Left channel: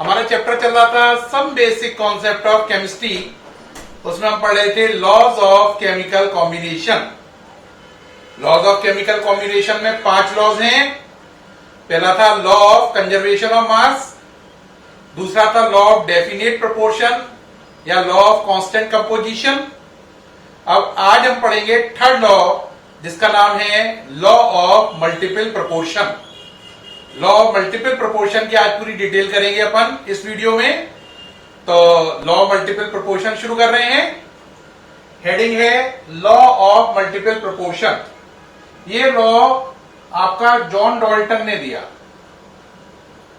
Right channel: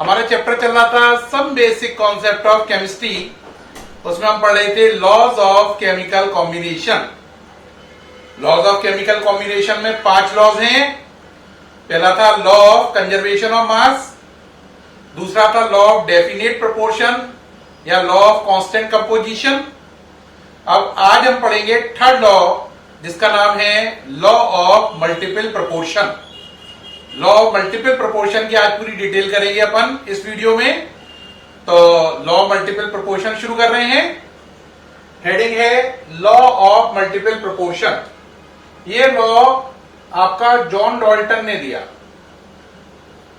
हमारा चैप्टर चल रहा था some basic concept of chemistry. उसमें हम पढ़ रहे थे laws of chemical combination. Laws of chemical combination में 5 लॉज हैं। पहला था law of conservation of mass, दूसरा था लॉ ऑफ डेफिनेट प्रोपोर्शन या लॉ ऑफ कांस्टेंट कंपोजिशन। अब आज हम पढ़ेंगे थर्ड लॉ, जिसका नाम है law of multiple proportion. Law of multiple proportion की आज पूरी डिटेल करेंगे अपन इस वीडियो में। तो लॉ ऑफ मल्टीपल प्रोपोर्शन शुरू कर रहे हैं। हेडिंग है लॉ ऑफ मल्टीपल प्रोपोर्शन। ये लॉ आपका जॉन डाल्टन ने दिया।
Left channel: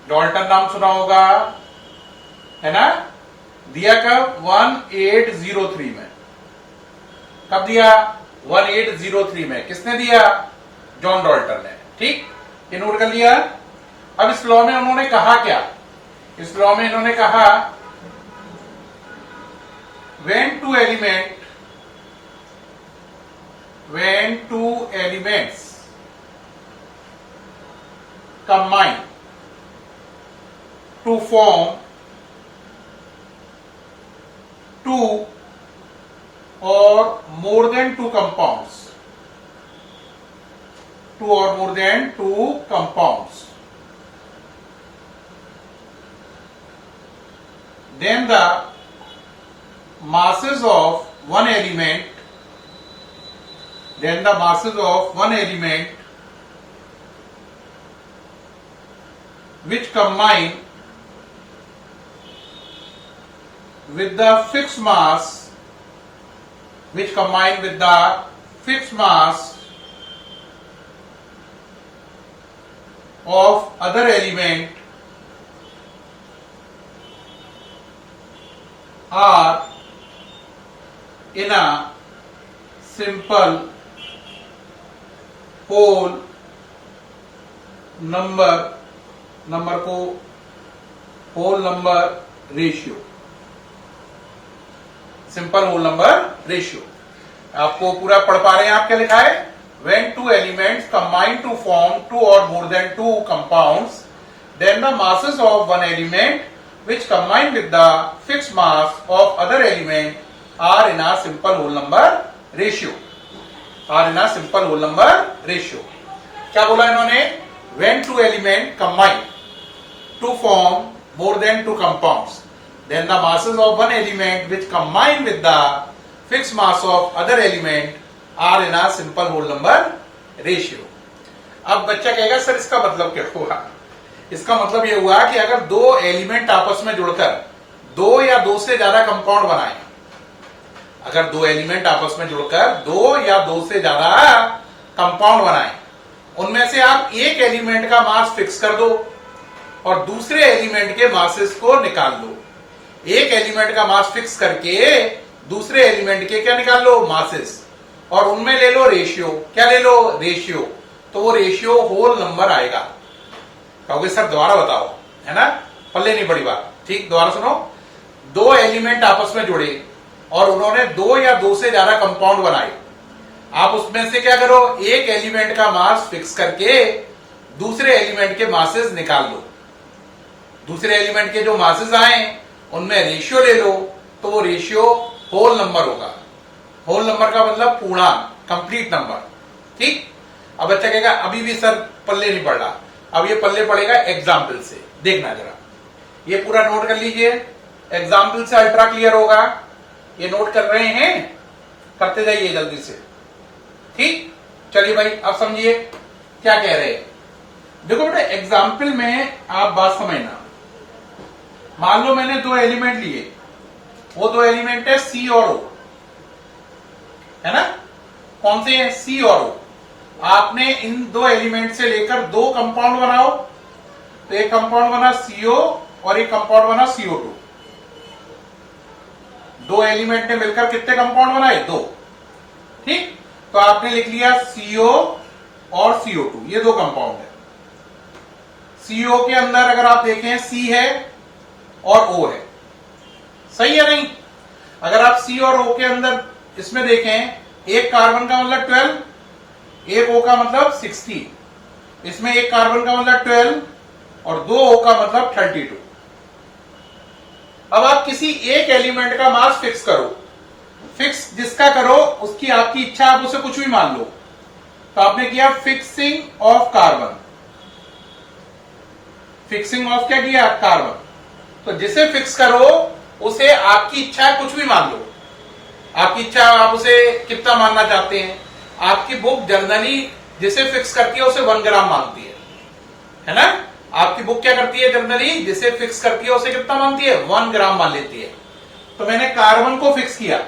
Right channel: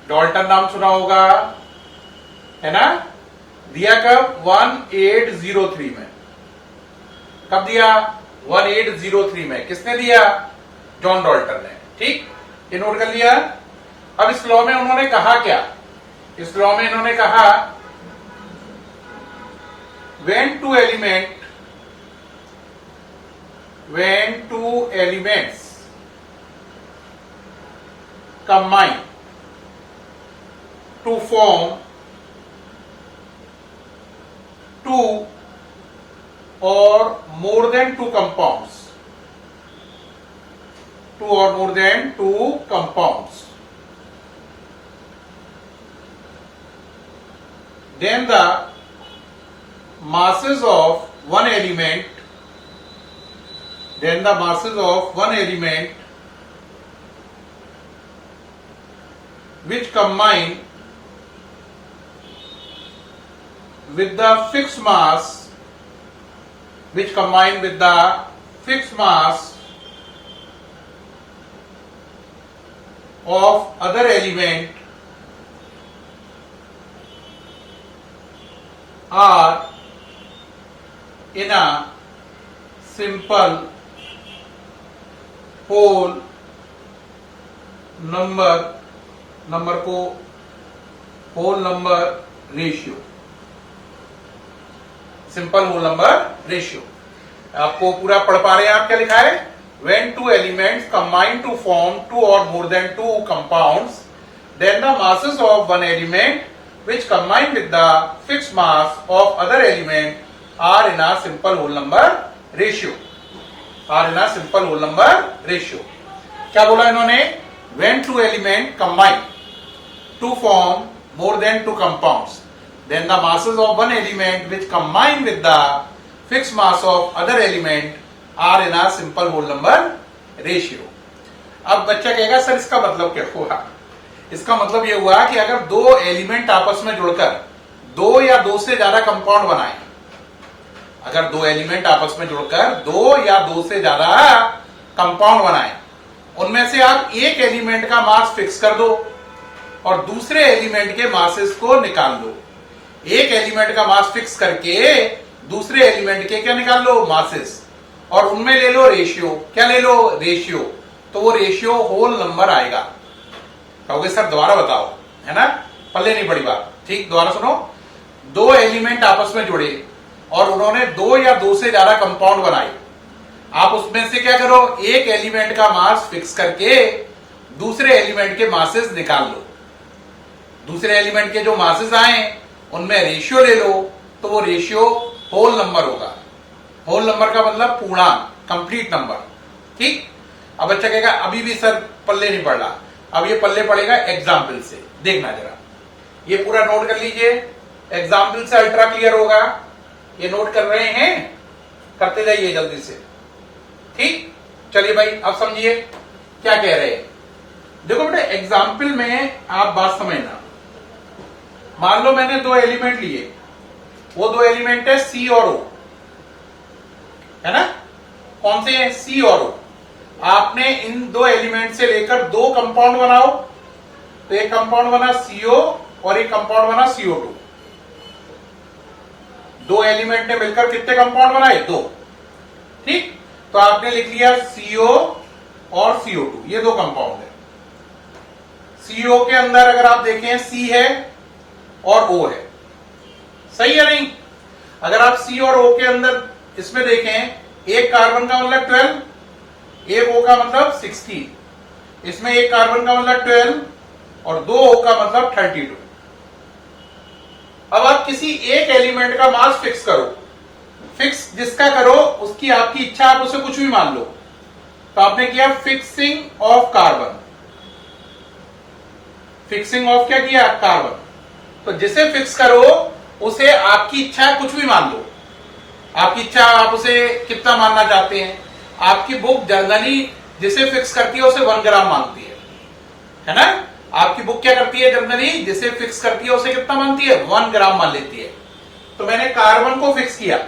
डाल्टन नाम सुना होगा, है ना? दिया कब? 1803 में। कब दिया? 1803 में। किसने दिया? जॉन डाल्टन ने। ठीक, ये नोट कर लिया। अब इस लॉ में उन्होंने कहा क्या? इस लॉ में इन्होंने कहा when two elements combine to form two or more than two compounds, then the masses of one element which combine with the fixed mass of other element are in a simple whole number को whole number ratio, simple whole number ratio. आपको पूरा पढ़ पा रहे हैं आप? क्या लिखा है? when two elements combine to form two or more than two compounds, then the masses of one element which combine with the fixed mass of other element are in a simple whole number ratio. क्या बोला इन्होंने? when two element combine to form more than two compounds, then the masses of one element which combine with the fixed mass of other element are in a simple whole number ratio. अब बच्चा कहेगा sir इसका मतलब क्या हुआ? इसका मतलब यह हुआ कि अगर दो एलिमेंट आपस में जुड़कर दो या दो से ज्यादा कंपाउंड बनाए, अगर दो एलिमेंट आपस में जुड़कर दो या दो से ज्यादा कंपाउंड बनाए, उनमें से आप एक एलिमेंट का मास फिक्स कर दो और दूसरे एलिमेंट के मासेस को निकाल लो। एक एलिमेंट का मास फिक्स करके दूसरे एलिमेंट के क्या निकाल लो? मासेस। और उनमें ले लो रेशियो। क्या ले लो? रेशियो। तो वो रेशियो होल नंबर आएगा। कहोगे सर दोबारा बताओ, है ना? पल्ले नहीं पड़ी बात। ठीक, दोबारा सुनो। दो एलिमेंट आपस में जुड़े और उन्होंने दो या दो से ज्यादा कंपाउंड बनाए। आप उसमें से क्या करो? एक एलिमेंट का मास फिक्स करके दूसरे एलिमेंट के मासेस निकाल लो। दूसरे एलिमेंट के जो मासेस आए उनमें रेशियो ले लो, तो वो रेशियो होल नंबर होगा। होल नंबर का मतलब पूर्णांक, कंप्लीट नंबर। ठीक। अब बच्चा कहेगा अभी भी सर पल्ले नहीं पड़ रहा। अब ये पल्ले पड़ेगा एग्जाम्पल से। देखना जरा, ये पूरा नोट कर लीजिए। एग्जाम्पल से अल्ट्रा क्लियर होगा। ये नोट कर रहे हैं? करते जाइए जल्दी से। ठीक, चलिए भाई अब समझिए क्या कह रहे हैं। देखो बेटा, एग्जाम्पल में आप बात समझना। मान लो मैंने दो एलिमेंट लिए, वो दो एलिमेंट है सी और ओ, है ना? कौन से हैं? सी और ओ। आपने इन दो एलिमेंट से लेकर दो कंपाउंड बनाओ, तो एक कंपाउंड बना सीओ और एक कंपाउंड बना CO2। दो एलिमेंट ने मिलकर कितने कंपाउंड बनाए? दो। ठीक, तो आपने लिख लिया CO और CO2, ये दो कंपाउंड है। CO के अंदर अगर आप देखें C है और O है, सही है नहीं? अगर आप C और O के अंदर इसमें देखें, एक कार्बन का मतलब 12, एक O का मतलब 16, इसमें एक कार्बन का मतलब 12 और दो O का मतलब 32। अब आप किसी एक एलिमेंट का मास फिक्स करो, फिक्स जिसका करो उसकी आपकी इच्छा, आप उसे कुछ भी मान लो। तो आपने किया fixing of carbon, fixing of क्या किया, कार्बन। तो जिसे फिक्स करो उसे आपकी इच्छा कुछ भी मान लो, आपकी इच्छा, आप उसे कितना मानना चाहते हैं। आपकी बुक जनरली जिसे फिक्स करती है उसे 1 ग्राम मानती है ना। आपकी बुक क्या करती है, जनरली जिसे फिक्स करती है उसे कितना मानती है, 1 ग्राम मान लेती है। तो मैंने कार्बन को फिक्स किया,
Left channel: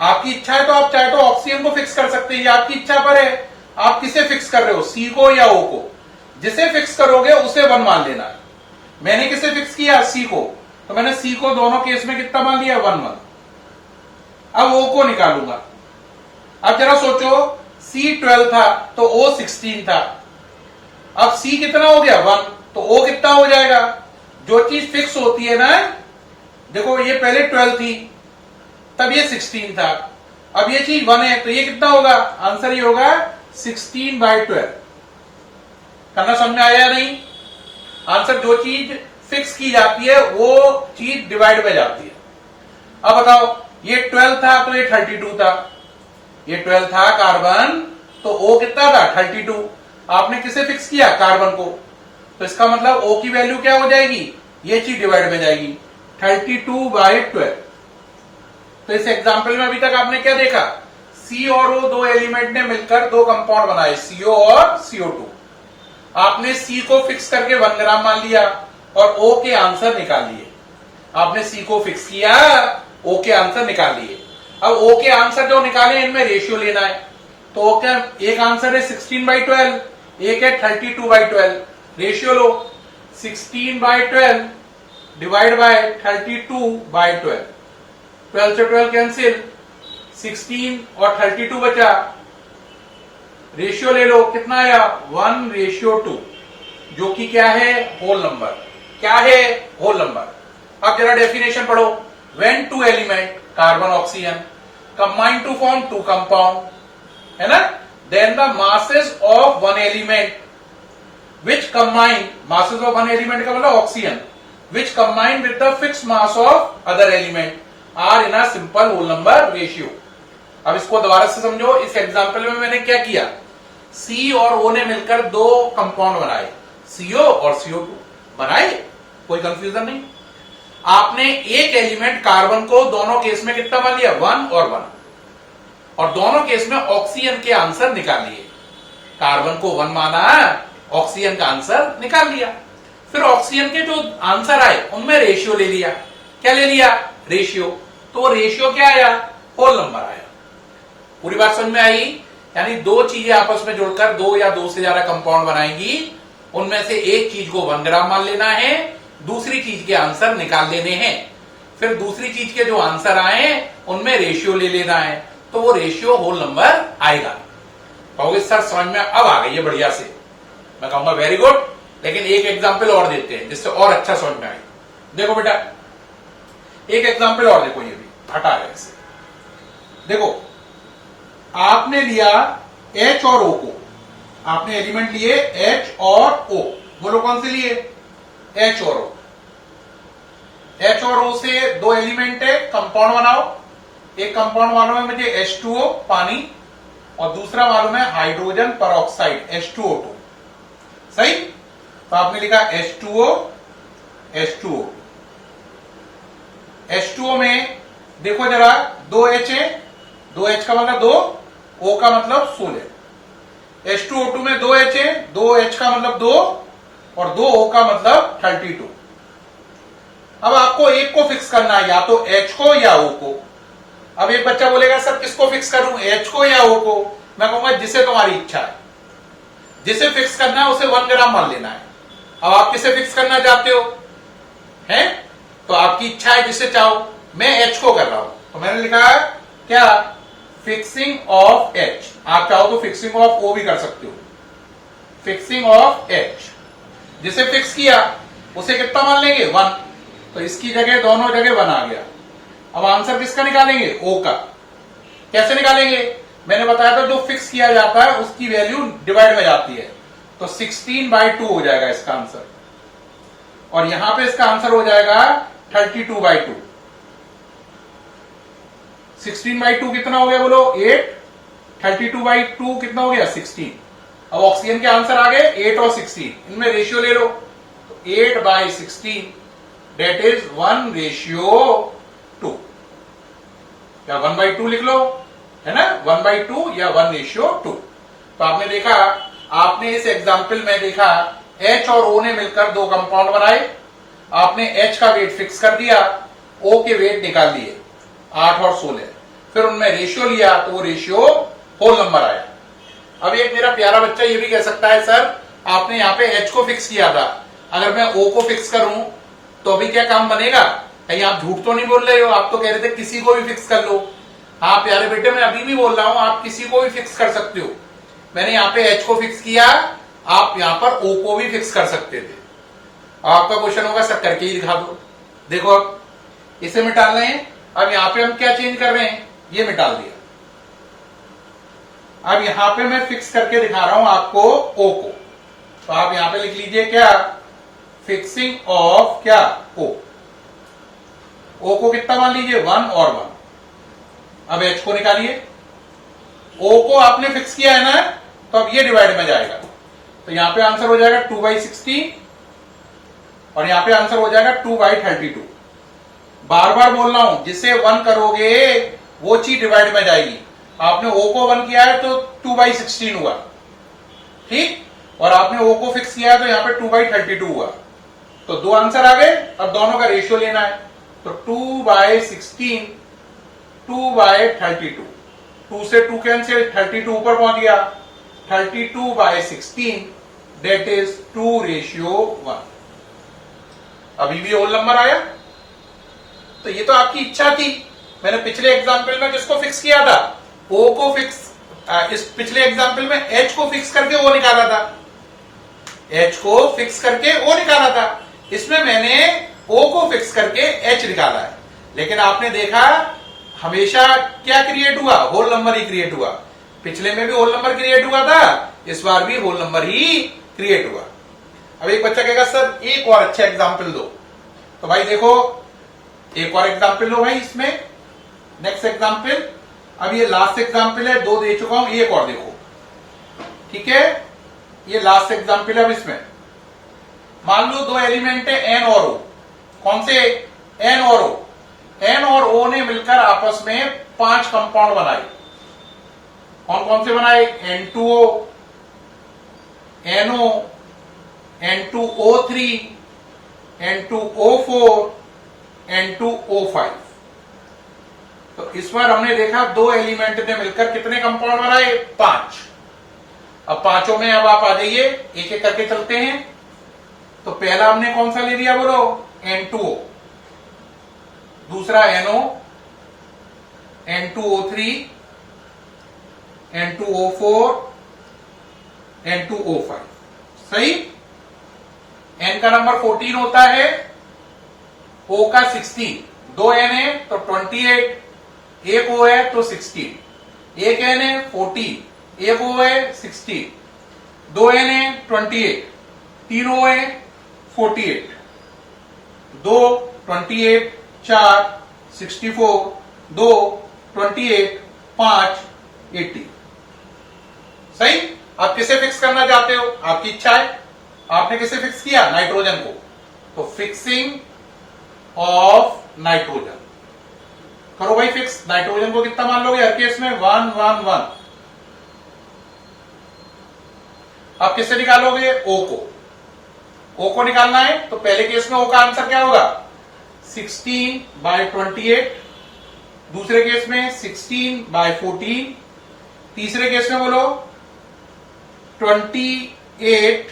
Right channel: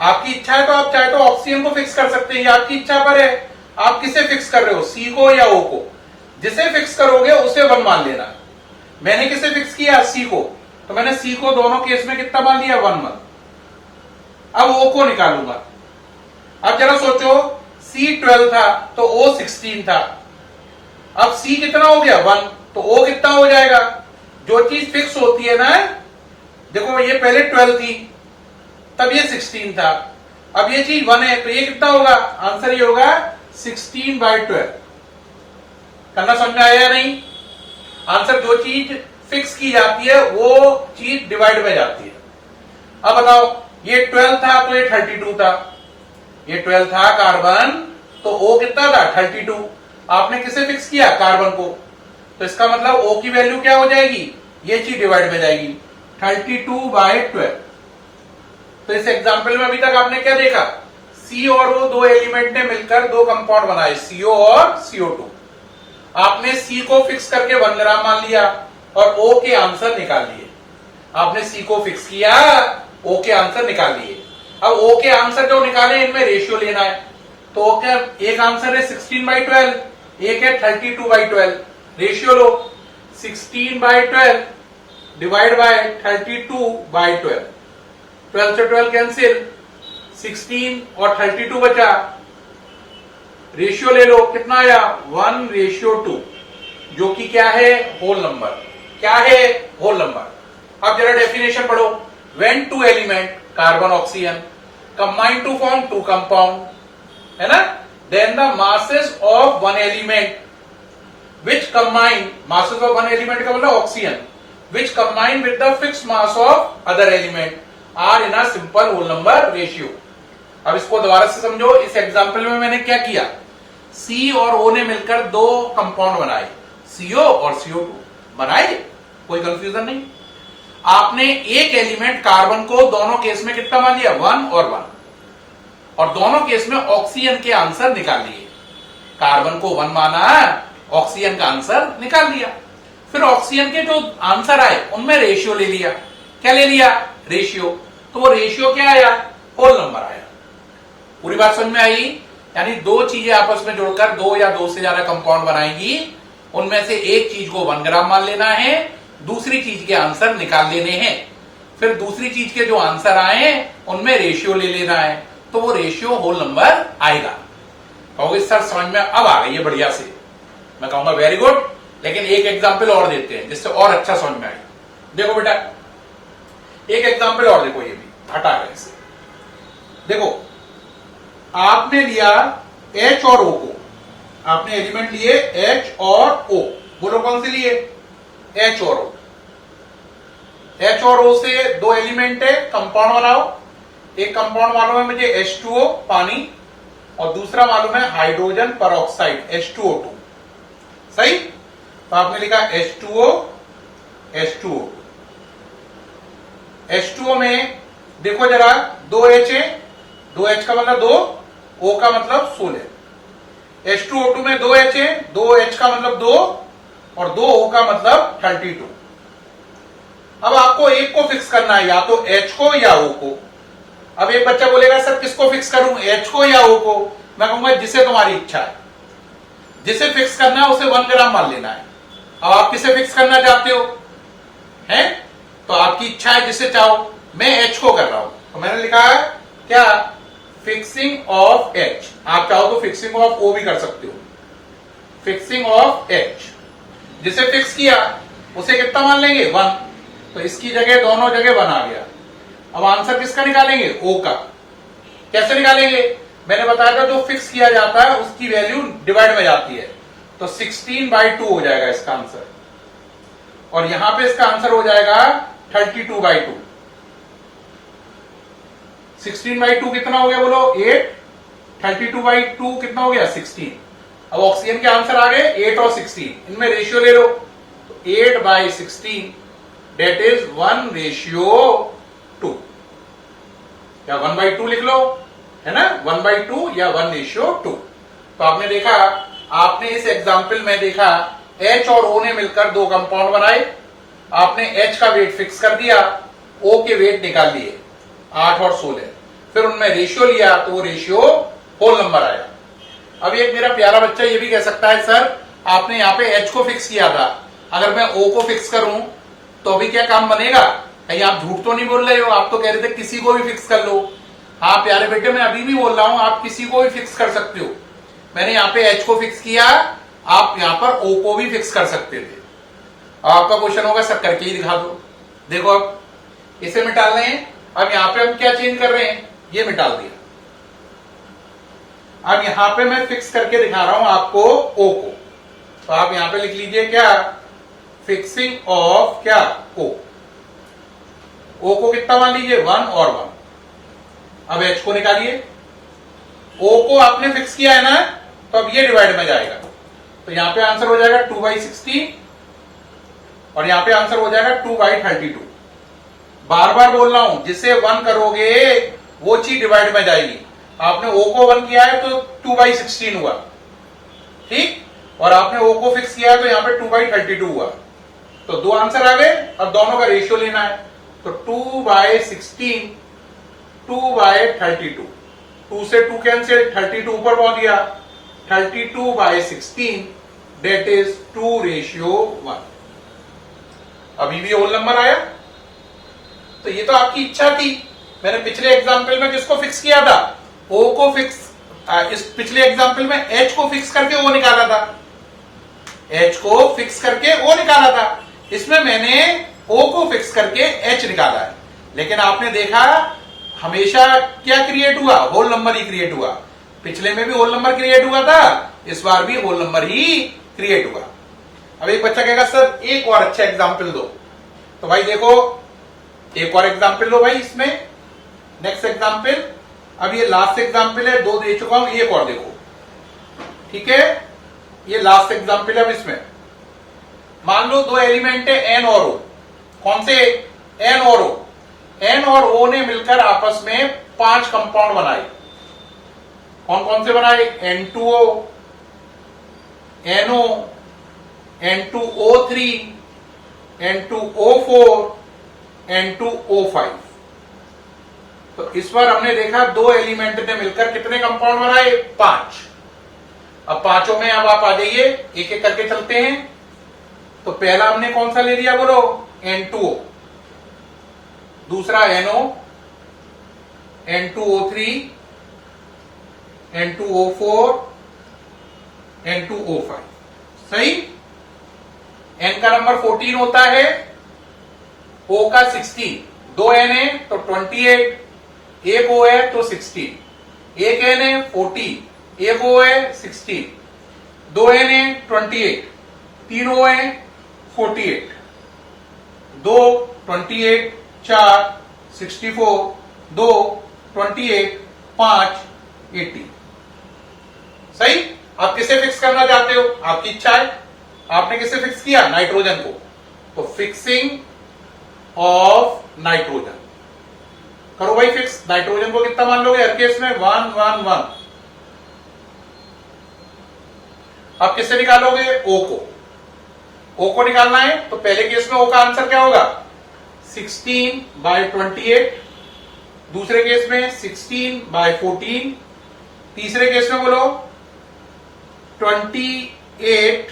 आपकी इच्छा है तो आप चाहे तो ऑक्सीजन को फिक्स कर सकते हैं, ये आपकी इच्छा पर है। आप किसे फिक्स कर रहे हो, सी को या ओ को। जिसे फिक्स करोगे उसे 1 मान लेना है। मैंने किसे फिक्स किया, सी को, तो मैंने सी को दोनों केस में कितना मान लिया, 1 1। अब ओ को निकालूंगा। अब जरा सोचो, सी 12 था तो ओ 16 था। अब सी कितना हो गया, 1, तो ओ कितना हो जाएगा। जो चीज फिक्स होती है ना, देखो ये पहले 12 थी तब ये 16 था, अब ये चीज 1 है तो ये कितना होगा, आंसर ये होगा 16/12। करना समझ में आया या नहीं। आंसर, जो चीज फिक्स की जाती है वो चीज डिवाइड में जाती है। अब बताओ, ये 12 था तो ये 32 था, ये 12 था कार्बन, तो O कितना था, 32। आपने किसे फिक्स किया, कार्बन को, तो इसका मतलब O की वैल्यू क्या हो जाएगी, ये चीज डिवाइड में जाएगी, 32/12। तो इस एग्जाम्पल में अभी तक आपने क्या देखा, C और O दो एलिमेंट ने मिलकर दो कंपाउंड बनाए, CO और CO2। आपने C को फिक्स करके 1 ग्राम मान लिया और O के आंसर निकाल लिए। आपने C को फिक्स किया, O के आंसर निकाल लिए। अब O के आंसर जो निकाले इनमें रेशियो लेना है। तो O का एक आंसर है 16/12, एक है 32/12। Ratio low, 16/12 divide by 32/12। 12 से 12 कैंसिल, 16 और 32 बचा। रेशियो ले लो, कितना आया, 1:2, जो कि क्या है, होल नंबर। क्या है, होल नंबर। अब जरा डेफिनेशन पढ़ो। When 2 element carbon oxygen combine to form 2 compound, है ना, then the masses of 1 element which combine, masses of 1 element का मतलब oxygen, which combine with the fix mass of other element are in a simple whole number ratio. अब इसको दोबारा से समझो। इस एग्जांपल में मैंने क्या किया, C और O ने मिलकर दो कंपाउंड बनाए, CO और CO2 बनाए, कोई कंफ्यूजन नहीं। आपने एक एलिमेंट कार्बन को दोनों केस में कितना मान लिया, 1 और 1, और दोनों केस में ऑक्सीजन के आंसर निकाल लिए। कार्बन को 1 माना, ऑक्सीजन का आंसर निकाल लिया। फिर ऑक्सीजन के जो आंसर आए उनमें रेशियो ले लिया। क्या ले लिया, रेशियो। तो रेशियो क्या आया, होल नंबर आया। पूरी बात समझ में आई। यानी दो चीजें आपस में जोड़कर 2 या 2 से ज्यादा कंपाउंड बनाएंगी, उनमें से एक चीज को 1 ग्राम मान लेना है, दूसरी चीज के आंसर निकाल लेने हैं। फिर दूसरी चीज के जो आंसर आए उनमें रेशियो ले लेना है, तो वो रेशियो होल नंबर आएगा। कहोगे सर समझ में अब आ गई है बढ़िया से, मैं कहूंगा वेरी गुड। लेकिन एक एग्जाम्पल और देते हैं जिससे और अच्छा समझ में आए। देखो बेटा, एक एग्जाम्पल और देखो, ये भी हटा है इसे। देखो, आपने लिया H और O को, आपने एलिमेंट लिए H और O, बोलो कौन से लिए, H और O। H और O से दो एलिमेंट है, कंपाउंड बनाओ। एक कंपाउंड मालूम है मुझे H2O पानी, और दूसरा मालूम है हाइड्रोजन परऑक्साइड H2O2, सही। तो आपने लिखा H2O H2O। H2O में देखो जरा, 2 H है, 2 H का मतलब 2, O का मतलब 16। H2O2 में 2 H है, 2 H का मतलब 2 और 2 O का मतलब 32। अब आपको एक को फिक्स करना है, या तो H को या O को। अब एक बच्चा बोलेगा सर किसको फिक्स करूं, H को या O को। मैं कहूंगा जिसे तुम्हारी इच्छा है, जिसे फिक्स करना है उसे 1 ग्राम मान लेना है। अब आप किसे फिक्स करना चाहते हो, हैं, तो आपकी इच्छा है, जिसे चाहो। मैं H को कर रहा हूं, तो मैंने लिखा है क्या, फिक्सिंग ऑफ H। आप चाहो तो फिक्सिंग ऑफ O भी कर सकते हो। फिक्सिंग ऑफ H, जिसे फिक्स किया उसे कितना मान लेंगे, 1। तो इसकी जगह दोनों जगह 1 आ गया। अब आंसर किसका निकालेंगे, O का। कैसे निकालेंगे, मैंने बताया था जो फिक्स किया जाता है उसकी वैल्यू डिवाइड में जाती है, तो 16/2 हो जाएगा इसका आंसर। और यहां पे इसका आंसर हो जाएगा 32/2। 16/2 कितना हो गया बोलो 8, 32/2 कितना हो गया 16। अब ऑक्सीजन के आंसर आ गए 8 और 16, इनमें रेशियो ले लो, तो 8/16 डेट इज 1:2। या 1/2 लिख लो, है ना, 1/2 या 1:2। तो आपने देखा, आपने इस एग्जाम्पल में देखा H और O ने मिलकर दो कंपाउंड बनाए, आपने H का वेट फिक्स कर दिया, O के वेट निकाल लिए 8 और 16, फिर उनमें रेशियो लिया तो वो रेशियो होल नंबर आया। अब एक मेरा प्यारा बच्चा ये भी कह सकता है सर आपने यहाँ पे H को फिक्स किया था, अगर मैं O को फिक्स करूं तो अभी क्या काम बनेगा, कहीं आप झूठ तो नहीं बोल रहे हो, आप तो कह रहे थे किसी को भी फिक्स कर लो। हाँ प्यारे बेटे मैं अभी भी बोल रहा हूं आप किसी को भी फिक्स कर सकते हो, मैंने यहाँ पे H को फिक्स किया, आप यहाँ पर O को भी फिक्स कर सकते थे। आपका क्वेश्चन होगा सर करके ही दिखा दो। देखो अब इसे मिटा रहे हैं, अब यहाँ पे हम क्या चेंज कर रहे हैं, ये मिटा दिया। अब यहां पे मैं फिक्स करके दिखा रहा हूं आपको O को, तो आप यहां पे लिख लीजिए क्या, फिक्सिंग ऑफ क्या O। O को कितना मान लीजिए 1 और 1। अब H को निकालिए, O को आपने फिक्स किया है ना, तो अब ये डिवाइड में जाएगा, तो यहां पे आंसर हो जाएगा 2/16 और यहां पे आंसर हो जाएगा 2/32। बार बार बोल रहा हूं जिसे 1 करोगे वो चीज डिवाइड में जाएगी। आपने O को 1 किया है तो 2/16 हुआ, ठीक, और आपने O को फिक्स किया है तो यहां पे 2/32 हुआ, तो दो आंसर आ गए और दोनों का रेशियो लेना है, तो 2/16 2/32, 2 से 2 कैंसिल, 32 ऊपर पहुंच गया, 32/16 डेट इज 2:1। अभी भी होल नंबर आया। तो ये तो आपकी इच्छा थी, मैंने पिछले एग्जाम्पल में किसको फिक्स किया था, O को फिक्स, इस पिछले एग्जाम्पल में H को फिक्स करके O निकाला था, H को फिक्स करके O निकाला था, इसमें मैंने O को फिक्स करके H निकाला है। लेकिन आपने देखा हमेशा क्या क्रिएट हुआ, होल नंबर ही क्रिएट हुआ। पिछले में भी होल नंबर क्रिएट हुआ था, इस बार भी होल नंबर ही क्रिएट हुआ। अब एक बच्चा कहेगा सर एक और अच्छा एग्जाम्पल दो, तो भाई देखो एक और एग्जाम्पल लो भाई इसमें, नेक्स्ट एग्जाम्पल। अब ये लास्ट एग्जाम्पल है, दो दे चुका हूं, एक और देखो, ठीक है, ये लास्ट एग्जाम्पल है। अब इसमें मान लो दो एलिमेंट है N और O, कौन से, N और O, N और O ने मिलकर आपस में 5 कंपाउंड बनाए। कौन कौन से बनाए, N2O, NO, N2O3, N2O4, N2O5। तो इस बार हमने देखा दो एलिमेंट ने मिलकर कितने कंपाउंड बनाए, 5। अब पांचों में अब आप आ जाइए, एक एक करके चलते हैं। तो पहला हमने कौन सा ले लिया बोलो, N2O, दूसरा NO, N2O3, N2O4, N2O5, सही। N का नंबर 14 होता है, O का 16, दो N है तो 28, एक O है तो 16, एक N है 40, एक O है 16, दो N है 28, तीन O है 48, दो 28, 4 64, दो 28, 5 80, सही। आप किसे फिक्स करना चाहते हो, आपकी इच्छा है। आपने किसे फिक्स किया, नाइट्रोजन को, तो फिक्सिंग ऑफ नाइट्रोजन करो भाई फिक्स। नाइट्रोजन को कितना मान लोगे, हर केस में 1 1 1। अब किससे निकालोगे, O को, O को निकालना है, तो पहले केस में O का आंसर क्या होगा, 16/28, दूसरे केस में 16/14, तीसरे केस में बोलो 28।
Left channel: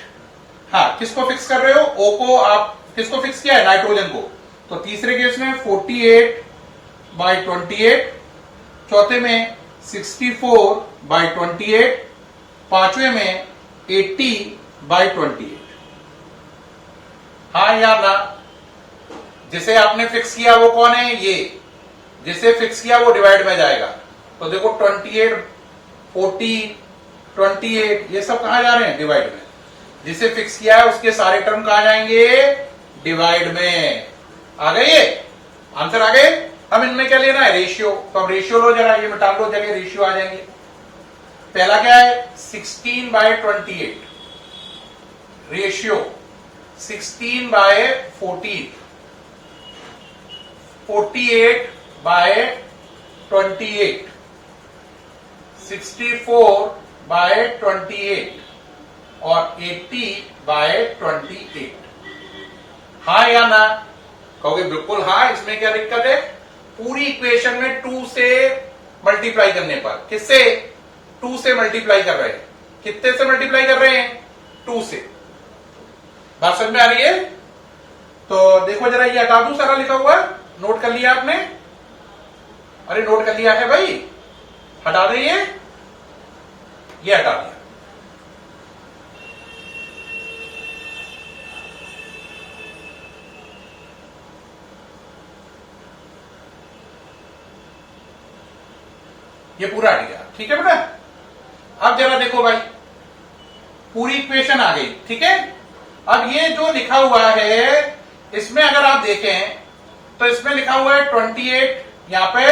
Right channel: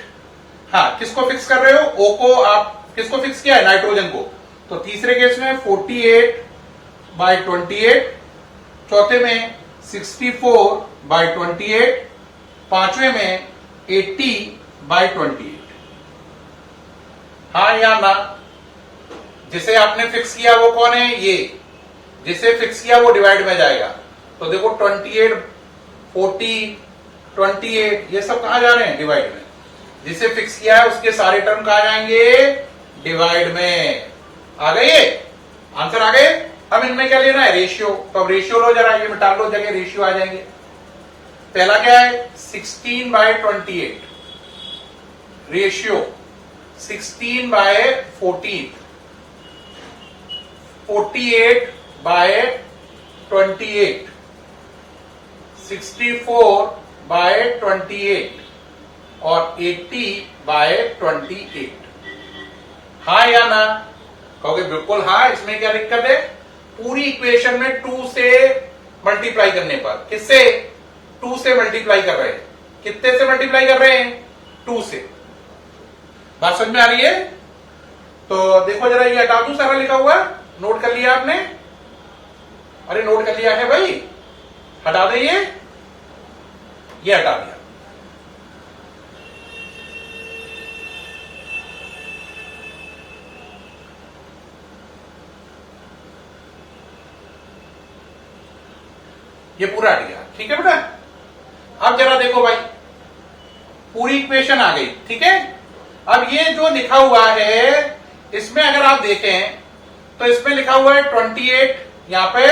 हाँ, किसको फिक्स कर रहे हो, O को, आप किसको फिक्स किया है, नाइट्रोजन को, तो तीसरे केस में 48/28, चौथे में 64/28, पांचवें में 80/28। हाँ या ना, जिसे आपने फिक्स किया वो कौन है, ये जिसे फिक्स किया वो डिवाइड में जाएगा। तो देखो 28, 40, 28 ये सब कहां जा रहे हैं, डिवाइड में। जिसे फिक्स किया है उसके सारे टर्म कहां जाएंगे, डिवाइड में। आ गए ये आंसर आ गए। अब इनमें क्या लेना है, रेशियो। तो अब रेशियो लो जरा, ये मिटा लो, जगह रेशियो आ जाएंगे। पहला क्या है 16/28 रेशियो 16/14 48/28 64/28 और 80/28। हाँ या ना, कहोगे बिल्कुल हाँ। इसमें क्या दिक्कत है, पूरी इक्वेशन में 2 से मल्टीप्लाई करने पर, किससे 2 से मल्टीप्लाई कर रहे हैं, कितने से मल्टीप्लाई कर रहे हैं 2 से। बात समझ में आ रही है। तो देखो जरा, ये हटा दूं सारा लिखा हुआ, नोट कर लिया आपने, अरे नोट कर लिया है भाई, हटा दे ये हटा दिया। ये पूरा हट गया, ठीक है बेटा। अब जरा देखो भाई, पूरी इक्वेशन आ गई, ठीक है। अब ये जो लिखा हुआ है, इसमें अगर आप देखें तो इसमें लिखा हुआ है 28, यहां पे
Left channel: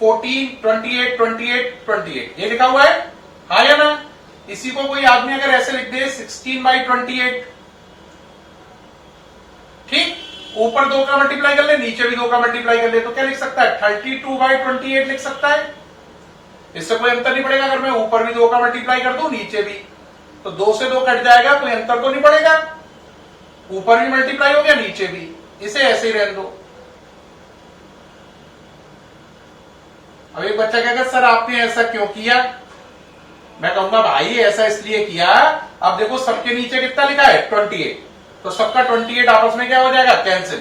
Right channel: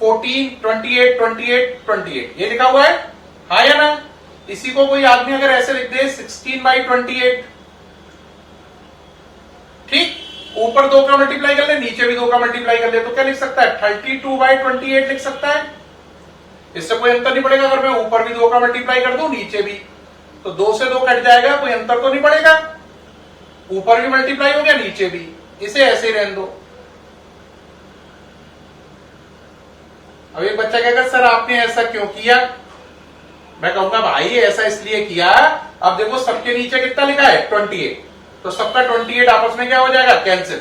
14, 28, 28, 28 ये लिखा हुआ है, हाँ या ना। इसी को कोई आदमी अगर ऐसे लिख दे 16/28, ठीक, ऊपर 2 का मल्टीप्लाई कर ले, नीचे भी 2 का मल्टीप्लाई कर ले, तो क्या लिख सकता है 32/28 लिख सकता है। इससे कोई अंतर नहीं पड़ेगा, अगर मैं ऊपर भी 2 का मल्टीप्लाई कर दूं नीचे भी, तो 2 से 2 कट जाएगा, कोई अंतर तो नहीं पड़ेगा। ऊपर भी मल्टीप्लाई हो गया, नीचे भी, इसे ऐसे ही रहने दो। अब एक बच्चा कहेगा सर आपने ऐसा क्यों किया, मैं कहूंगा भाई ऐसा इसलिए किया, अब देखो सबके नीचे कितना लिखा है 28, तो सबका 28 आपस में क्या हो जाएगा, कैंसिल।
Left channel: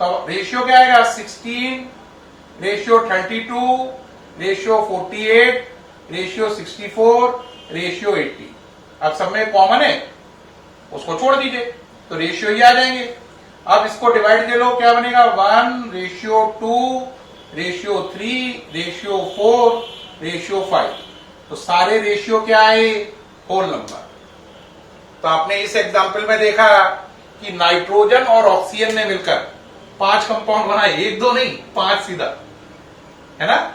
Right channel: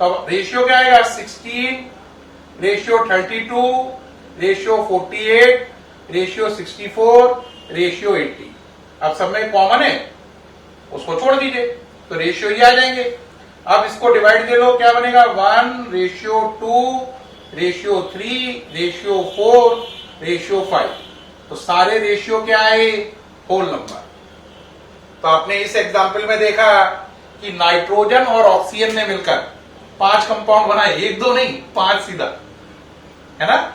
तो रेशियो क्या आएगा 16, रेशियो 32, रेशियो 48, रेशियो 64, रेशियो 80। अब सब में कॉमन है, उसको छोड़ दीजिए, तो रेशियो ही आ जाएंगे। अब इसको डिवाइड दे लो, क्या बनेगा 1:2, रेशियो 3, रेशियो 4, रेशियो 5। तो सारे रेशियो क्या आए, होल नंबर। तो आपने इस एग्जाम्पल में देखा कि नाइट्रोजन और ऑक्सीजन ने मिलकर 5 कंपाउंड बनाए, 1 2 नहीं, 5 सीधा, है ना।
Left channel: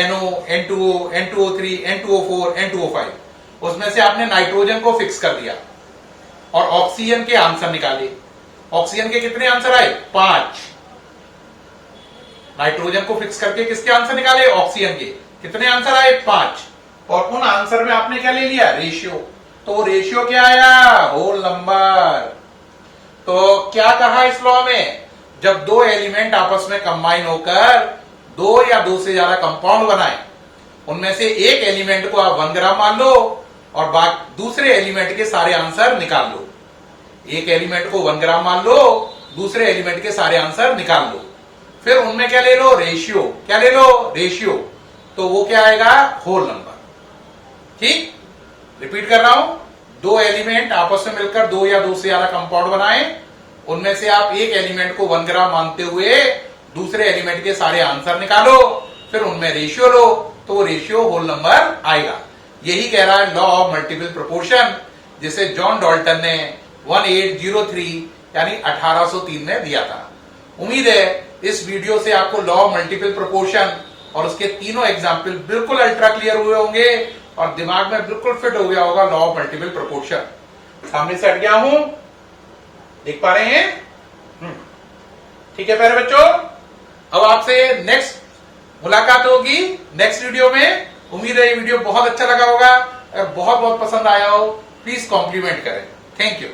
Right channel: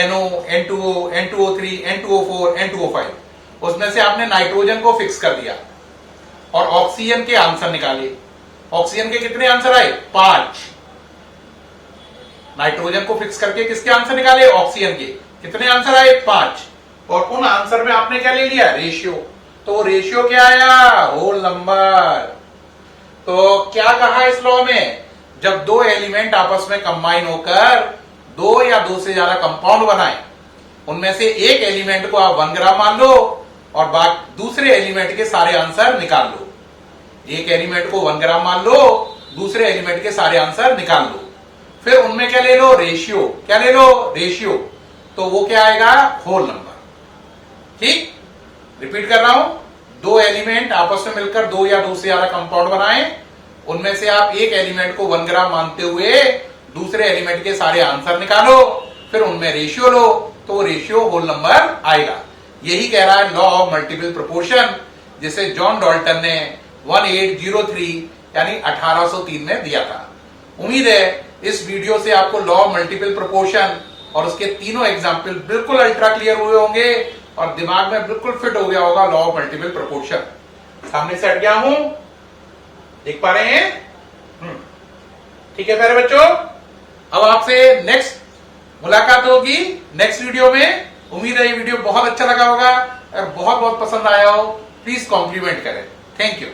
NO, N2O, N2O3, N2O4, N2O5। उसमें से आपने नाइट्रोजन को फिक्स कर दिया और ऑक्सीजन के आंसर निकाले। ऑक्सीजन के कितने आंसर आए, 5। नाइट्रोजन को फिक्स करके किसके आंसर निकाले, ऑक्सीजन के, कितने आंसर आए, 5। और उन आंसर में आपने क्या ले लिया, रेशियो। तो रेशियो क्या आया, होल नंबर। तो क्या कहा इस लॉ में, जब 2 एलिमेंट आपस में कंबाइन होकर 2 या 2 से ज्यादा कंपाउंड बनाए, उनमें से एक एलिमेंट को आप 1 ग्राम मान लो और दूसरे एलिमेंट के सारे आंसर निकाल लो। एक एलिमेंट को 1 ग्राम मान लो, दूसरे एलिमेंट के सारे आंसर निकाल लो, फिर उनमें क्या ले लो, रेशियो। क्या ले लो, रेशियो। तो वो क्या आएगा, होल नंबर। ठीक, रिपीट कर रहा हूं, 2 एलिमेंट आपस में मिलकर 2 या 2 से ज्यादा कंपाउंड बनाए, उनमें से आप एक एलिमेंट को 1 ग्राम मानते हुए दूसरे एलिमेंट के सारे आंसर निकालो, फिर उनमें रेशियो लो, तो वो रेशियो होल नंबर आएगा। यही कह रहा है लॉ ऑफ मल्टीपल प्रोपोर्शन, जिसे जॉन डाल्टन ने 1803 यानी 1803 में दिया था। उम्मीद है इस वीडियो से आपको लॉ ऑफ मल्टीपल प्रोपोर्शन और उसके तीनों एग्जाम्पल बिल्कुल अल्ट्रा क्लियर हुए होंगे और दिमाग में बिल्कुल फिट हो गया होगा लॉ ऑफ मल्टीपल प्रोपोर्शन। सामने से हट गया हूं, देख पा रहे हैं, ठीक है प्यारे बच्चों। अब आपसे नेक्स्ट मुलाकात होगी नेक्स्ट वीडियो में। उम्मीद है ये वीडियो बहुत अच्छा लगा होगा, अगर बहुत बहुत पसंद आया हो प्लीज कॉम्प्लीमेंट करें। Thank you.